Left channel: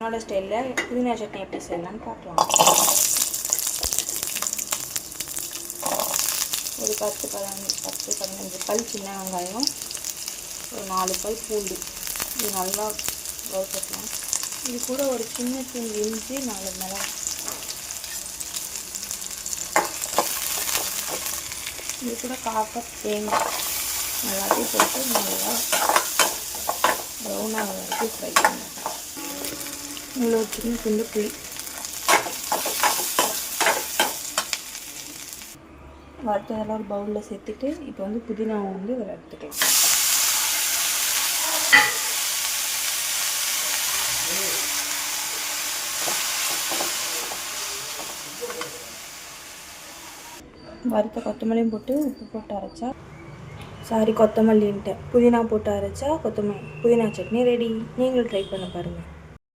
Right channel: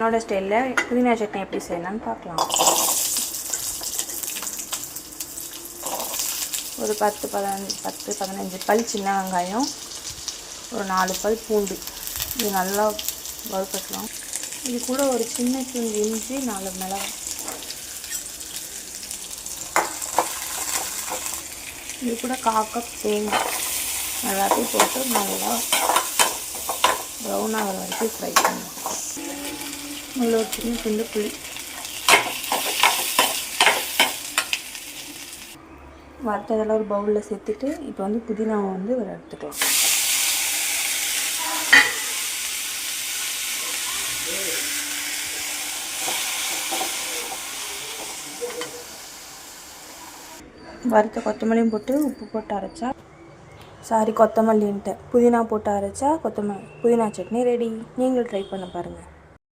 என்னோட ஸ்டைலில் புதினா சட்னி எப்படி செய்யலாம்னு பார்க்கலாம். ஒரு 10-15 பல் சின்ன வெங்காயம், ஒரு 4 பல் பூண்டு, இது நல்லா வறுத்துக்கலாம். இது கூட ஒரு சின்ன துண்டு இஞ்சி, 4 மிளகாய், இது கூட 1/4 கப் தேங்காய் எல்லாத்தையும் போட்டு நல்லா ப்ரௌன் ஆகிற வரைக்கும் ஃப்ரை பண்ணணும். நல்லா ஒரு சின்ன துண்டு புளி, வறுத்ததெல்லாம் ஒரு பவுலில் சேர்த்துட்டு இப்போ புதினாவை ஒரு எடுத்துக்கலாம். வறுத்த கொத்தமல்லியும் போட்டு உப்பு போட்டு அரைச்சா கொத்தமல்லின்ட்டு புதினா போட்டு அரைச்சா புதினா சட்னி ரெடி. நீங்களும் ட்ரை பண்ண பாருங்கள்.